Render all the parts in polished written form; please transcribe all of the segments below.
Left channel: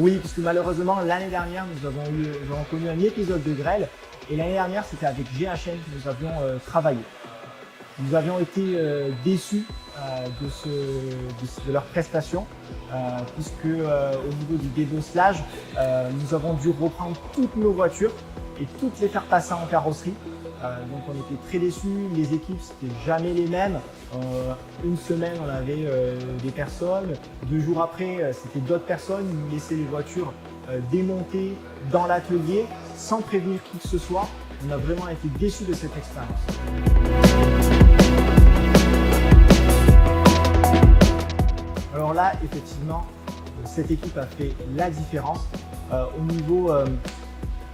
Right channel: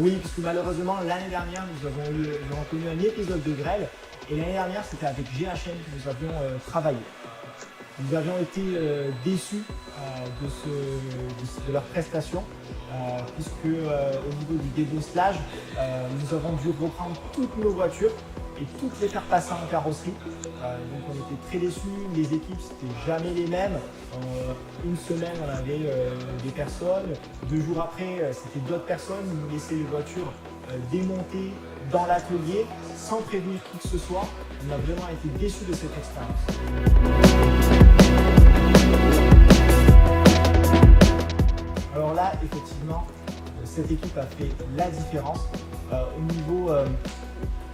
Oui, parce que malheureusement, l'année dernière, nous avons connu un épisode de grêle. Et l'année dernière, c'était avec GHM que nous avions travaillé. Nous avions été déçus de leur prestation, puisque au niveau du débosselage, nous avons dû reprendre toutes nos voitures et toutes les faire passer en carrosserie. Donc on était très déçus, les équipes c'était jamais les mêmes. Une semaine on avait des personnes, 2 jours après c'était d'autres personnes, ils nous laissaient les voitures démontées dans l'atelier sans prévenir qui que ce soit. On a vraiment été déçus de cette expérience. Alors là, effectivement, cette équipe a fait la différence. Au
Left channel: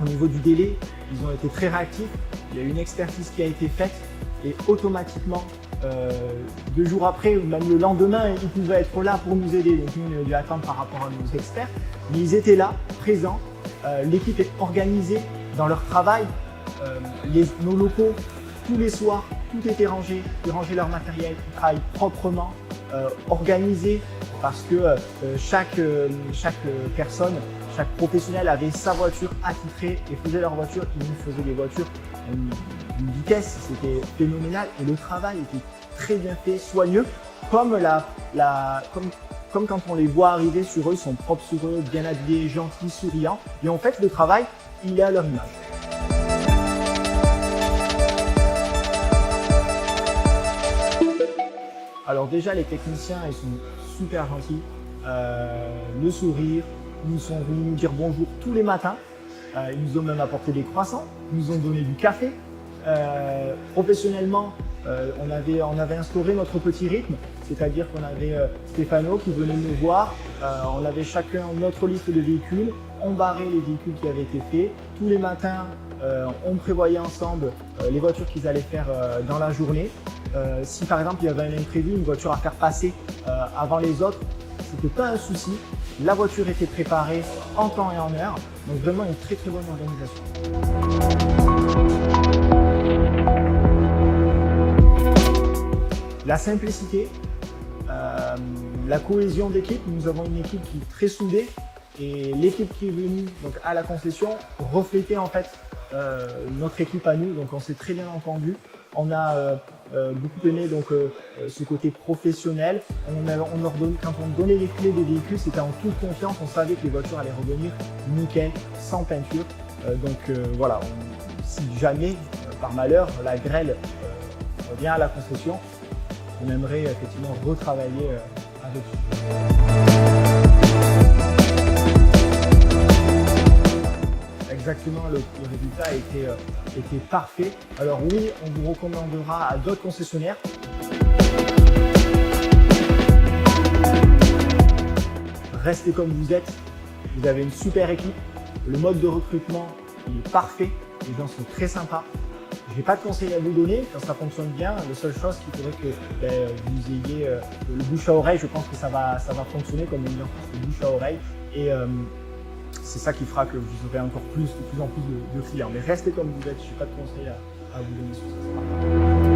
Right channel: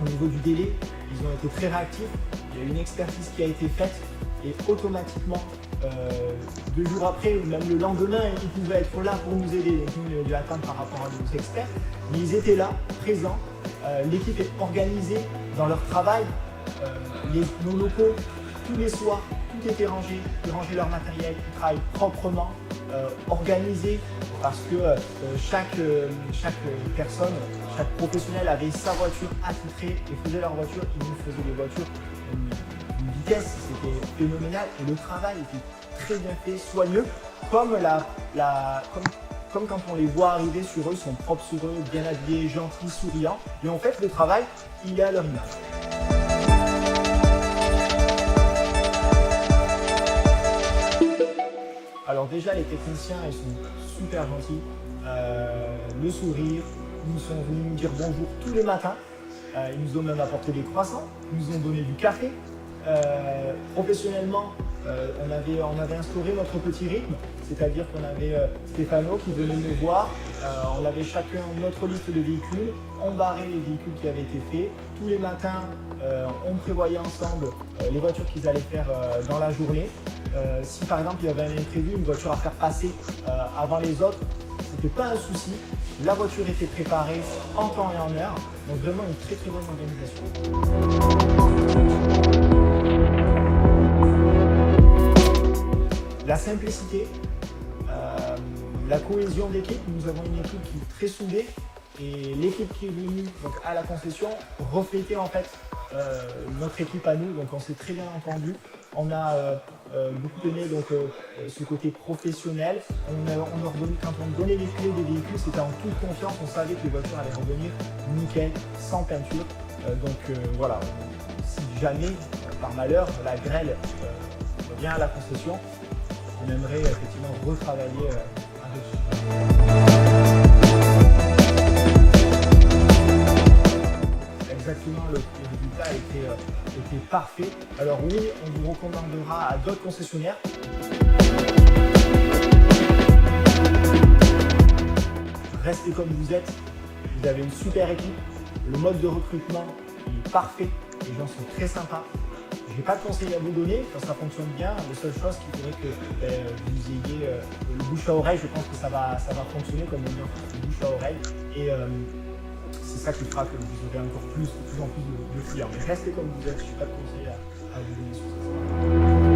niveau du délai, ils ont été très réactifs. Il y a eu une expertise qui a été faite et automatiquement, 2 jours après ou même le lendemain, ils pouvaient être là pour nous aider. Donc nous, on a dû attendre par rapport à nos experts. Mais ils étaient là, présents. L'équipe est organisée dans leur travail. Nos locaux, tous les soirs, tout était rangé. Ils rangeaient leur matériel, ils travaillent proprement, organisé, parce que chaque personne, chaque professionnel avait sa voiture attitrée et faisait leur voiture. Ils nous faisaient des voitures d'une vitesse, c'était phénoménal et le travail était très bien fait, soigneux, comme quand on les voit arriver sur eux, ils sont propres sur eux, bien habillés, gentils, souriants. Et en fait, le travail, il est à leur image. Alors déjà, les techniciens, ils sont super gentils. Le sourire, ils sont venus nous dire bonjour tous les matins. Ils nous ont même apporté des croissants, ils nous ont donné du café. Professionnellement, on avait instauré notre petit rythme, c'est-à-dire qu'on avait Stéphano qui venait nous voir. On avait chacun notre liste de véhicules, on barrait les véhicules qui avaient été faits. Tous les matins, on prévoyait ensemble les voitures qu'ils allaient faire dans la journée. Si par exemple il y avait un imprévu, une voiture à faire passer avant les autres, c'était pas un souci. La voiture était préparée en temps et en heure. Donc vraiment une très très bonne organisation. La simplicité, la cohésion d'équipe. Nous avons une équipe qui est très soudée et l'équipe qui est venue donc, à la concession reflétait en fait notre équipe à nous. Donc on s'est très bien entendu. On a beaucoup aimé donc, ce côté professionnel. Quand on donnait les clés des véhicules, c'était en toute confiance. On savait que les voitures allaient revenir nickel, sans peinture. Voilà, si jamais, par malheur, la grêle revient à la concession, on aimerait effectivement retravailler avec eux. Exactement, le résultat était parfait. Alors oui, on vous recommandera à d'autres concessionnaires. Restez comme vous êtes, vous avez une super équipe, le mode de recrutement il est parfait, les gens sont très sympas. Je n'ai pas de conseils à vous donner, quand ça fonctionne bien, la seule chose qu'il faudrait que vous ayez le bouche à oreille, je pense que ça va fonctionner comme on dit, le bouche à oreille. Et c'est ça qui fera que vous aurez encore de plus en plus de clients. Mais restez comme vous êtes, je n'ai pas de conseils à vous donner sur ça.